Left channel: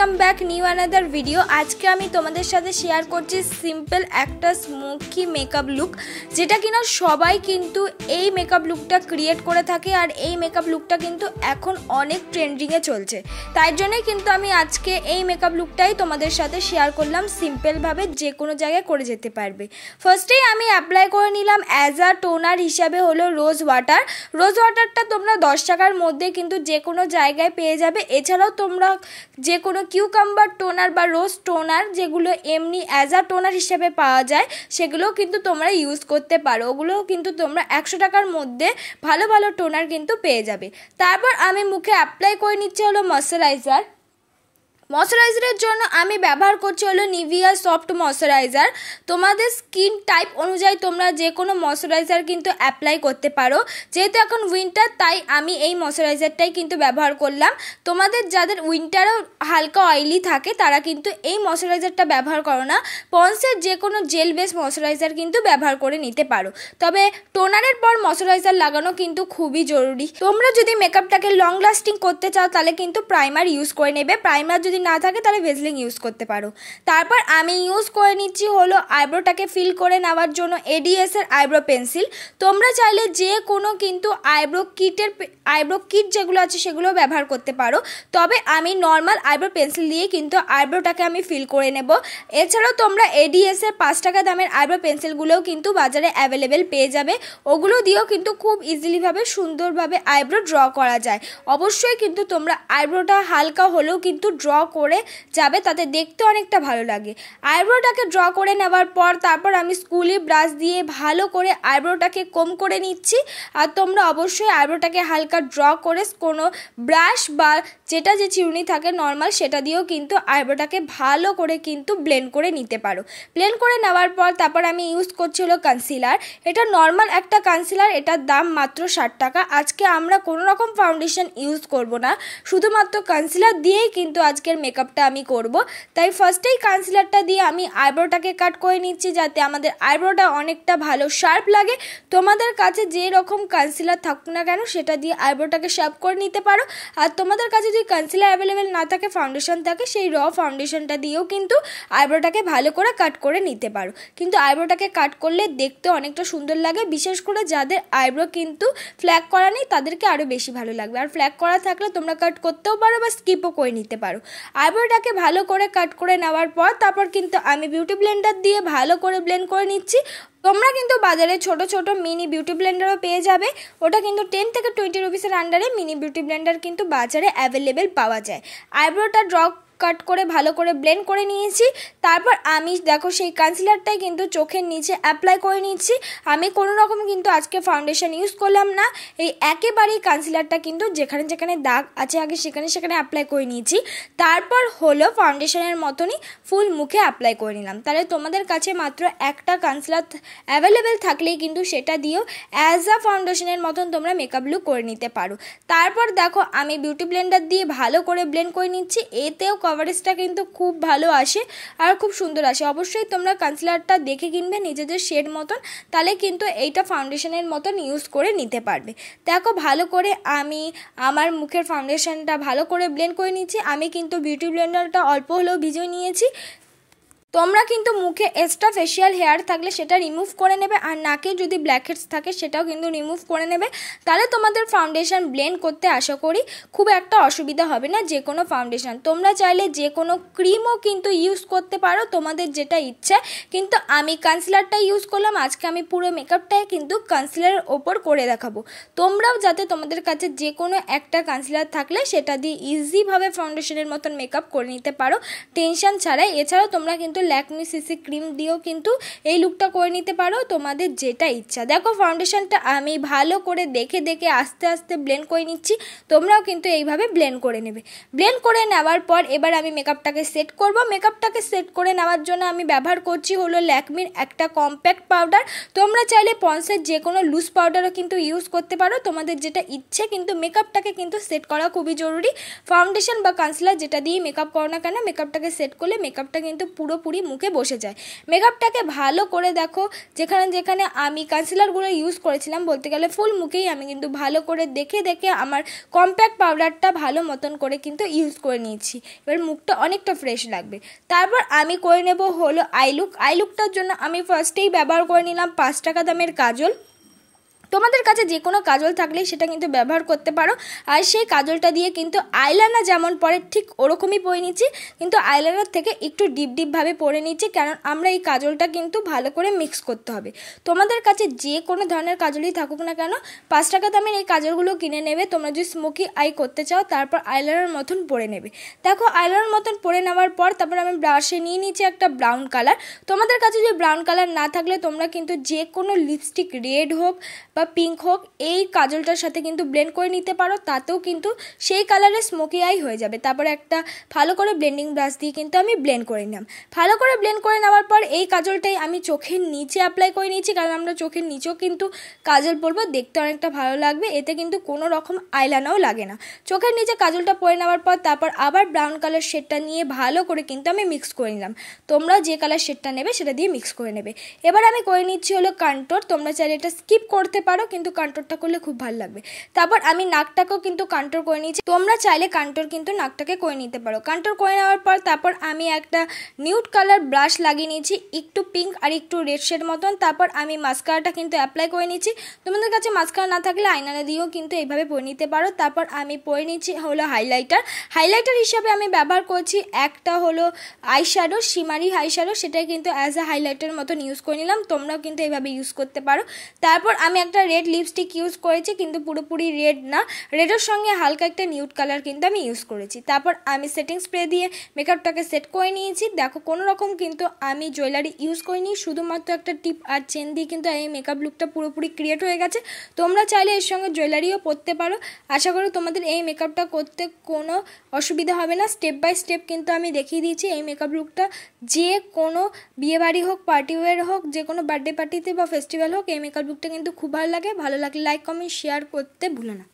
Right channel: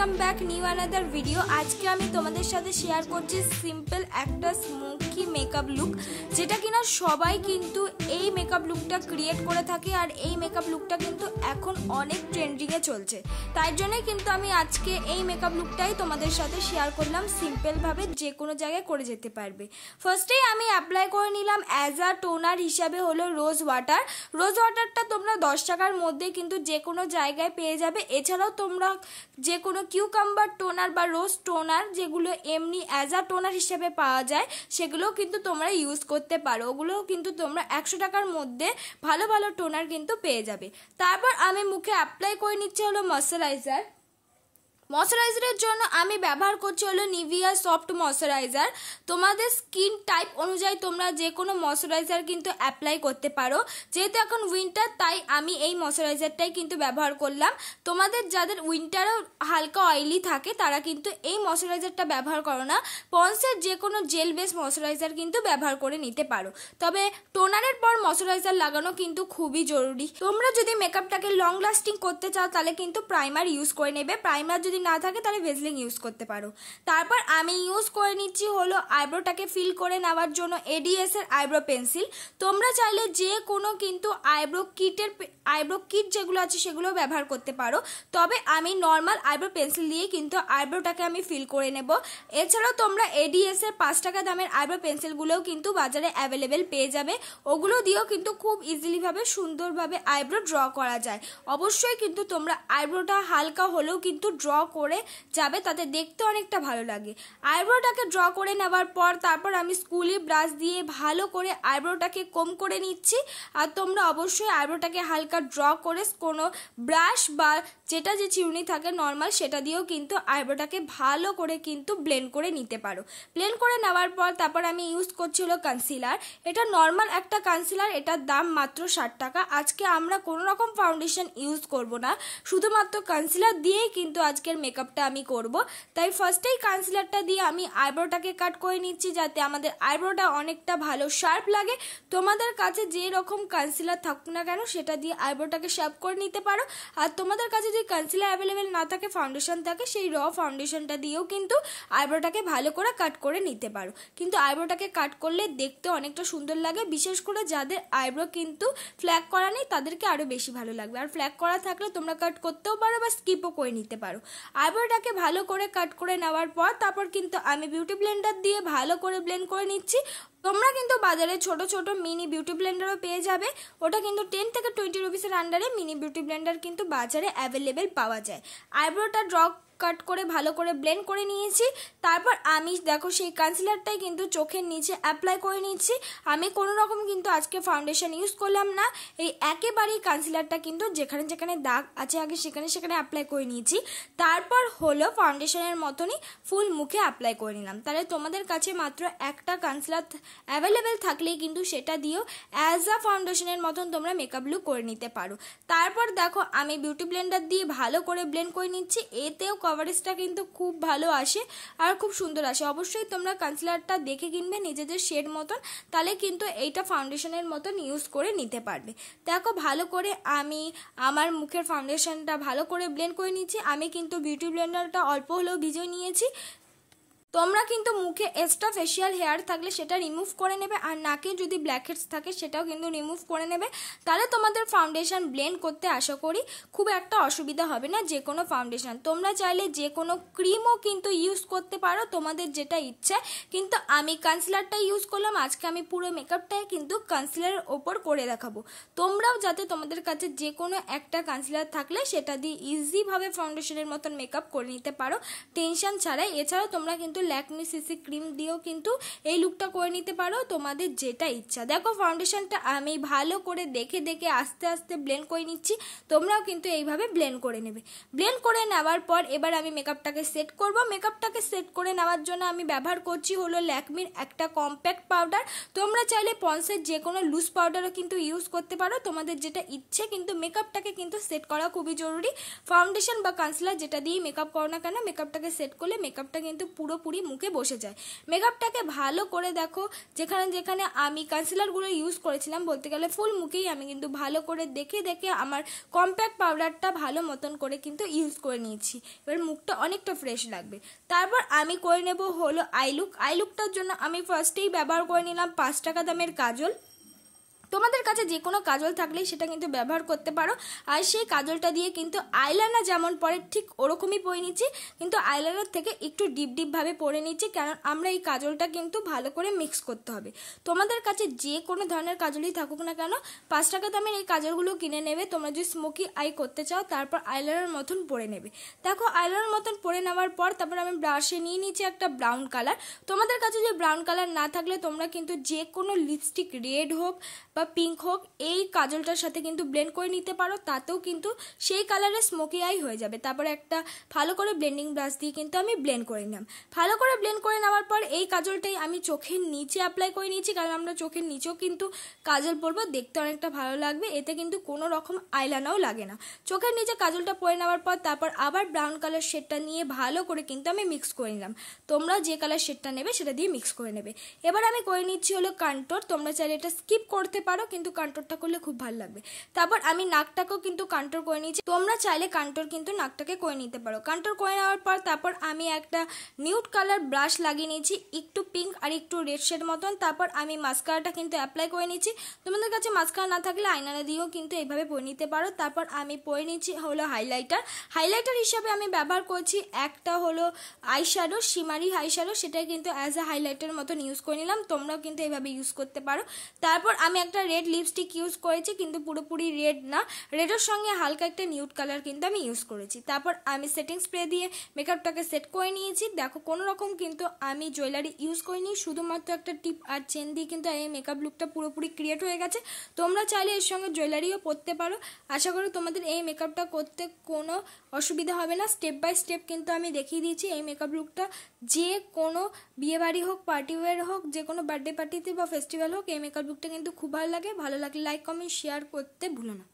Welcome back new another video. আজকে আমি তোমাদের সাথে শেয়ার করছি সিম্পল একটা স্মোকি মেকআপ লুক, যেটা কিনা সবাই কিন্তু এই মেকআপ লুকটা ক্রিয়েট করে থাকে। আর এই মেকআপ লুকটা কিন্তু এখন অনেক ট্রেন্ডিংয়ে চলছে, তাই জন্যই কিন্তু আমি আজকে এই মেকআপ লুকটাই তোমাদের সাথে শেয়ার করলাম। সিম্পলভাবে যে কোনো জায়গায় করে যেতে পারবে। ফার্স্টেই আমি অ্যাপ্লাই করে নিলাম অ্যাজ আ টোনার হিসাবে হলো রোজ ওয়াটার। রোজ ওয়াটারটা তোমরা 10 টাকার মধ্যে কিন্তু যে কোনো জায়গায় পেয়ে যাবে। এছাড়াও তোমরা যে কোনো কিউকাম্বার টোনার বা রোজ টোনার, যেগুলো এমনি অ্যাজ আ টোনার হিসেবে পাওয়া যায়, সেগুলোও কিন্তু তোমরা ইউজ করতে পারো। ওগুলোও কিন্তু তোমরা 100 টাকার মধ্যে ভালো ভালো টোনার কিন্তু পেয়ে যাবে। তারপর আমি মুখে অ্যাপ্লাই করে নিচ্ছি হলো ময়শ্চারাইজার। ময়শ্চারাইজারের জন্য আমি ব্যবহার করছি হলো নিভিয়া সফট ময়শ্চারাইজার। তোমাদের স্কিন টাইপ অনুযায়ী তোমরা যে কোনো ময়শ্চারাইজার কিন্তু অ্যাপ্লাই করতে পারো। যেহেতু এখন উইন্টার, তাই আমি এই ময়শ্চারাইজারটাই কিন্তু ব্যবহার করলাম। তোমাদের যাদের উইন্টারও হালকা অয়েলি থাকে তারা কিন্তু এই ময়শ্চারাইজারটা ব্যবহার করো না, পন্সের যে কোনো জেল বেস ময়শ্চারাইজার কিন্তু ব্যবহার করে নিতে পারো। তবে টোনারের পর ময়শ্চারাইজার লাগানো কিন্তু খুবই জরুরি। তোমরা যদি মেকআপটাকে লং লাস্টিং করতে চাও তাহলে কিন্তু প্রাইমার ইউজ করে নেবে। প্রাইমার যদি না থাকে তাহলে ভেজলিং ইউজ করতে পারো। তারপর আমি ইউজ করে নিচ্ছি হলো আইব্রোটাকে ফিল করে নেওয়ার জন্য এডিএস এর আইব্রো পেন্সিল। তোমরা চাইলে যে কোনো কিন্তু আইব্রো কিট যেগুলো আছে সেগুলো ব্যবহার করতে পারো। তবে আমি নর্মাল আইব্রো পেন্সিল দিয়ে কিন্তু আইব্রোটাকে আমি ফিল করে নেব। এছাড়াও তোমরা এডিএস এর 5 টাকা দামের আইব্রো পেন্সিলগুলোও কিন্তু বাজারে অ্যাভেলেবেল পেয়ে যাবে। ওগুলো দিয়েও কিন্তু খুব ইজিলিভাবে সুন্দরভাবে আইব্রো ড্র করা যায়। অবশ্যই কিন্তু তোমরা আইব্রোটা হালকা হলেও কিন্তু ড্র করে যাবে, তাতে দেখতে অনেকটা ভালো লাগে। আইব্রোটাকে ড্র করে নেওয়ার পর তারপর আমি স্কুলি ব্রাশ দিয়ে ভালো করে আইব্রোটাকে কম করে নিচ্ছি। আর তোমরা অবশ্যই আইব্রোটাকে হালকা ড্র করে কোনো ব্রাশ বা যেটা যে চিরুনি থাকে নর্মাল, সেটা দিয়েও কিন্তু আইব্রোটাকে ভালো করে কিন্তু ব্লেন্ড করে নিতে পারো। ব্লেন্ড করে নেওয়ার পর তারপর আমি ইউজ করছি হলো কনসিলার। এটা নর্মাল একটা কনসিলার, এটার দাম মাত্র 60 টাকা। আজকে আমরা কোনো রকম ফাউন্ডেশন ইউজ করব না, শুধুমাত্র কনসিলার দিয়েই কিন্তু আজকের মেকআপটা আমি করব। তাই ফার্স্টেই কনসিলারটা দিয়ে আমি আইব্রোটাকে কাট করে নিচ্ছি, যাতে আমাদের আইব্রোটা অনেকটা ভালো শার্প লাগে। তোমাদের কাছে যে রকম কনসিলার থাকুক না কেন সেটা দিয়ে আইব্রোটাকে শার্প করে নিতে পারো। আর তোমাদের কাছে যদি কনসিলার অ্যাভেলেবেল না থাকে, ফাউন্ডেশন থাকে, সেই র ফাউন্ডেশনটা দিয়েও কিন্তু আইব্রোটাকে ভালো করে কাট করে নিতে পারো। কিন্তু আইব্রোটাকে কাট করলে দেখতে অনেকটা সুন্দর লাগে, বিশেষ করে যাদের আইব্রো কিন্তু ফ্ল্যাগ করা নেই তাদেরকে আরও বেশি ভালো লাগবে। আর ফ্ল্যাগ করা থাকলে তোমরা কাট করতেও পারো বা স্কিপও করে নিতে পারো। আইব্রোটাকে ভালো করে কাট করে নেওয়ার পর তারপর কিন্তু আমি বিউটি ব্লেন্ডার দিয়ে ভালো করে ব্লেন্ড করে নিচ্ছি। তোমরা কিন্তু বাজারে ছোট ছোট মিনি বিউটি ব্লেন্ডারও পেয়ে যাবে। ওটা কিন্তু 10 থেকে 20 রুপিসের আন্ডারে মিনি বিউটি ব্লেন্ডার কিন্তু বাজারে অ্যাভেলেবেল পাওয়া যায়। আইব্রোটা ড্র কাট করে ভালো করে ব্লেন্ড করে নিয়েছি। তারপর আমি দেখো সেই কনসিলারটাই কিন্তু চোখের নিচে অ্যাপ্লাই করে নিচ্ছি। আমি কোনো রকম কিন্তু আজকে ফাউন্ডেশন ইউজ করলাম না, এই একেবারেই কনসিলারটা কিন্তু যেখানে যেখানে দাগ আছে আগে সেখানে সেখানে অ্যাপ্লাই করে নিয়েছি। তারপর হলো ফাউন্ডেশনের মতনই ফুল মুখে অ্যাপ্লাই করে নিলাম। তাহলে তোমাদের কাছে মাত্র একটা কনসিলার অ্যাভেলেবেল থাকলেই কিন্তু সেটা দিয়েও অ্যাজ আ ফাউন্ডেশনের মতন তোমরা মেকআপ লুক করে নিতে পারো। তারপর দেখো আমি বিউটি ব্লেন্ডার দিয়ে ভালো করে ব্লেন্ড করে নিচ্ছি। এতেও কভারেজটা কিন্তু খুব ভালো আসে আর খুব সুন্দর আসে। অবশ্যই তোমরা কনসিলারটা দেখে কিনবে নিজেদের শেড মতন, তাহলে কিন্তু এইটা ফাউন্ডেশনের মতন ইউজ করে নিতে পারবে। দেখো ভালো করে আমি আমার মুখের ফাউন্ডেশনটা ভালো করে ব্লেন্ড করে নিচ্ছি। আমি কিন্তু বিউটি ব্লেন্ডারটা অল্প হলেও ভিজিয়ে নিয়েছি। তোমরা কিন্তু মুখে এক্সট্রা ফেশিয়াল হেয়ার থাকলে সেটা রিমুভ করে নেবে, আর নাকে যদি ব্ল্যাকহেডস থাকে সেটাও কিন্তু রিমুভ করে নেবে। তাহলে তোমাদের ফাউন্ডেশন ব্লেন্ড করতে আশা করি খুব একটা অসুবিধা হবে না। যে কোনো ফাউন্ডেশন তোমরা চাইলে যে কোনো ক্রিমও কিন্তু ইউজ করতে পারো, তোমাদের যেটা ইচ্ছে। কিন্তু আমি কনসিলারটা ইউজ করলাম। আজকে আমি পুরো মেকআপটাই কিন্তু কনসিলারের ওপর করে দেখাবো। তোমরাও যাতে তোমাদের কাছে যে কোনো একটা কনসিলার থাকলে সেটা দিয়ে ইজিভাবে ফাউন্ডেশনের মতন মেকআপ করে নিতে পারো টেনশন ছাড়াই। এছাড়াও তোমরা কিন্তু ল্যাকমি সিসি ক্রিম দিয়েও কিন্তু এই লুকটা করে নিতে পারো, তোমাদের যেটা ইচ্ছা। দেখো ফাউন্ডেশনটা আমি ভালো করে দেখে দেখে আস্তে আস্তে ব্লেন্ড করে নিচ্ছি। তোমরাও কিন্তু এইভাবে ব্লেন্ড করে নেবে। ব্লেন্ড করে নেওয়ার পর এবার আমি মেকআপটাকে সেট করব। মেকআপটাকে সেট করে নেওয়ার জন্য আমি ব্যবহার করছি হলো ল্যাকমির একটা কম্প্যাক্ট পাউডার। তোমরা চাইলে পন্সের যে কোনো লুজ পাউডারও কিন্তু ইউজ করতে পারো, তোমাদের যেটা ইচ্ছে। কিন্তু মেকআপটাকে কিন্তু সেট করা খুবই জরুরি। ফাউন্ডেশন বা কনসিলার যেটা দিয়ে মেকআপ করো না কেন, মেকআপটাকে সেট করলে মেকআপটা কিন্তু পুরোপুরি পুরোপুরি মুখে বসে যায়। মেকআপটাকে ভালো করে দেখো, যেখানে যেখানে আমি কনসিলারগুলো ইউজ করেছিলাম, বলতে গেলে ফুল মুখেই আমি কিন্তু ভালো করে দেখে দেখে আমার কম্প্যাক্ট পাউডারটা ভালো মতন করে কিন্তু ইউজ করে নিয়েছি। এবার মুখটা অনেকটা ফ্রেশ লাগবে। তারপর আমি করে নেব হলো আই লুকটার জন্য আমি ফার্স্টেই ব্যবহার করে নিলাম 5 টাকা দামের কাজল। তোমাদের কাছে যে কোনো কাজল থাকলেই সেটা কিন্তু ব্যবহার করতে পারো। আর সেই কাজলটা দিয়ে কিন্তু আইলাইনার যেমন পরে ঠিক ওরকমই পরে নিচ্ছি, কিন্তু আইলাইনার থেকে একটু ডিপ ডিপভাবে পরে নিচ্ছি, কারণ আমরা এই কাজলটা কিন্তু ভালো করে মিক্স করতে হবে। তোমাদের কাছে যে কোনো ধরনের কাজলই থাকুক না কেন, 5 টাকা দামের এই কাজলগুলো কিনে নেবে। তোমরা যদি স্মোকি আই করতে চাও তারপর আইলাইনার মতন পরে নেবে। দেখো আইলাইনার মতন পরে নেওয়ার পর তারপর আমি ব্রাশে নিয়ে নিচ্ছি একটা ব্রাউন কালার। তোমাদের কাছে যদি ব্রাউন কালার না থাকলে তোমরা কিন্তু যে কোনো লিপস্টিক, রেড হোক বা পিঙ্ক হোক, এই কাজলটার সাথে কিন্তু ব্লেন্ড করে নিতে পারো, তাতেও কিন্তু সেই কালারের স্মোকি আই হয়ে যাবে। তারপরে একটা ভালো করে ব্লেন্ডিং ব্রাশ দিয়ে কিন্তু আমি ব্লেন্ড করে নিলাম। ভালো করে ব্লেন্ড করে নেওয়ার পর এই কাজলটাই আমি চোখের নিচে অ্যাপ্লাই করে নিয়েছি, কারণ আমরা চোখের নিচেও কিন্তু কাজল পরবো, দেখতে অনেকটা ভালো লাগবে। এতে কিন্তু কোনো রকম আইলাইনারও লাগে না। চোখের নিচে কাজলটা পরে নেওয়ার পর তারপর আবার ব্রাউন কালার শেডটা নিয়ে ভালো করে কিন্তু আমি মিক্স করে নিলাম। তোমরা যে কালার শেডটা নেবে সেটা দিয়ে মিক্স করে নেবে। এবার আমি করে নিচ্ছি হলো কন্ট্যুর। তোমরা চাইলে এটা স্কিপ করতে পারো, কিন্তু কন্ট্যুরটা করলে খুব ভালো লাগবে। তারপর আমি নাকটাকেও কিন্তু কন্ট্যুর করে নিয়েছি। তোমরা চাইলে কন্ট্যুর কিন্তু নাকটাকে করে নিতে পারো। কন্ট্যুর করে নেওয়ার পর তারপর আমি একটা নিউড কালার ব্রাশ লাগিয়ে নিয়েছি, একটু পিঙ্ক আর একটু রেড শেড মতন। তারপর আমি মাস্কারাটা কিন্তু অ্যাপ্লাই করে নিচ্ছি। তোমাদের কাছে মাস্কারা না থাকলে আইনারা দিয়েও কিন্তু এইভাবে পরে নিতে পারো। তারপর আমি পরে নিচ্ছি হলো হাইলাইটার হিসাবে আমি ব্যবহার করছি একটা হলো আইশ্যাডো, শিমারি আইশ্যাডো, সেটাই কিন্তু অ্যাজ আ হাইলাইটার মতন ইউজ করে নিলাম। তোমরাও কিন্তু এইভাবে ইউজ করতে পারো। তারপর আমি একটা রেড লিপস্টিক ইউজ করেছি, কিন্তু পুরোপুরি রেড না, রেডের সঙ্গে হালকা একটা নিউড কালার কিন্তু আমি ইউজ করেছি। তারপর আমি সেটিং স্প্রে দিয়ে মেকআপটাকে সেট করে নিয়েছি। দেখো কোনো রকম কিন্তু আমি জুয়েলারি ইউজ করিনি, শুধুমাত্র একটা টিপ আর চেন দিয়ে কিন্তু এই মেকআপ লুকটা পুরোপুরি ক্রিয়েট হয়ে গেছে। তোমরা চাইলে এর সঙ্গে জুয়েলারিও পরতে পারো। আশা করি তোমাদের এই মেকআপটা করতে কোনো অসুবিধা হবে না। স্টেপ বাই স্টেপ কিন্তু আমি দেখিয়ে দিয়েছি। এই মেকআপ লুকটা যে কোনো বিয়েবাড়ি হোক, পার্টি ওয়্যার হোক, যে কোনো বার্থডে পার্টিতে বা ফেস্টিভ্যাল হোক, এই মেকআপ লুকটা কিন্তু খুব ভালো লাগে। ভালো লাগলে লাইক, কমেন্ট, শেয়ার করতে ভুলো না।